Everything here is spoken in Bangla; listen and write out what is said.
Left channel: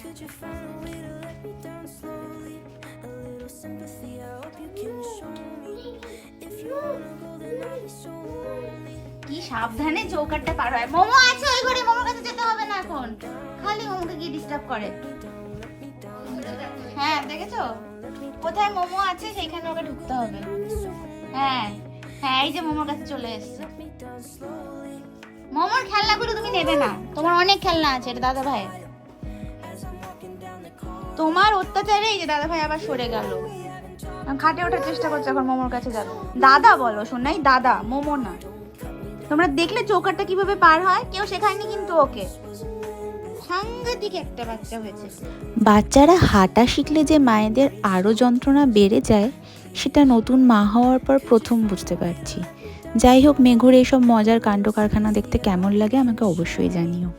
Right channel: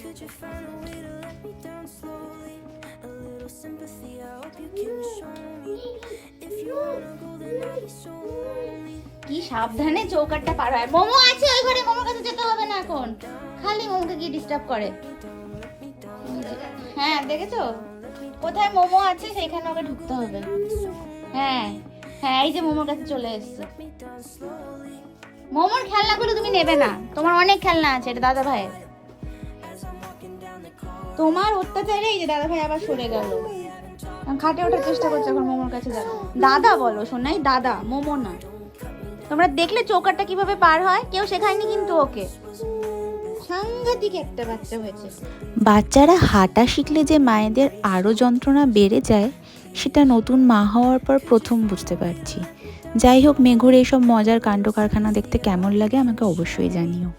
কি সাবধানে চৌকাটটা পার হয়। মোমো আছে ওই ঘরে, মোমোর কাছে যেতে হবে না এখন, খালি মোমোকে গিয়ে ডিস্টার্ব করে। হ্যাঁ দেখেছো কোথায় মোমো আছে সেখানে ওকে ঢুকতে হবে। হ্যাঁ হ্যাঁ এই যে মোমোর কাছে চলে এসেছে। মোমোর খেলনাগুলো তুমি নেবে না, তোমার অনেক খেলনা আছে। এটা দাদা ভাই, তোমার অত্যাচারে এই যে দাদা ভাই আবার সরে গেল, খাটে ওঠার চেষ্টা করছে এখন মোমোর কাছে যাবে। দাদা বলো শোনাই, দাদা, মোমো না। তোমরা দেখলে চৌকাটটা কিভাবে পার হয়, কেউ শেখায়নি কিন্তু ওকে। সাংঘাতিক একটা বাচ্চা হয়েছে। বাচ্চারা হাঁটা শিখলে যে মায়েদের আরও যন্ত্রণা বেড়ে যায়, সেটা নতুন মা হওয়ার পর প্রথম বুঝতে পারছি। যাই হোক, মেঘুর এইসব মজার কাণ্ড কারখানা দেখতে কেমন লাগে আমাকে অবশ্যই জানিও।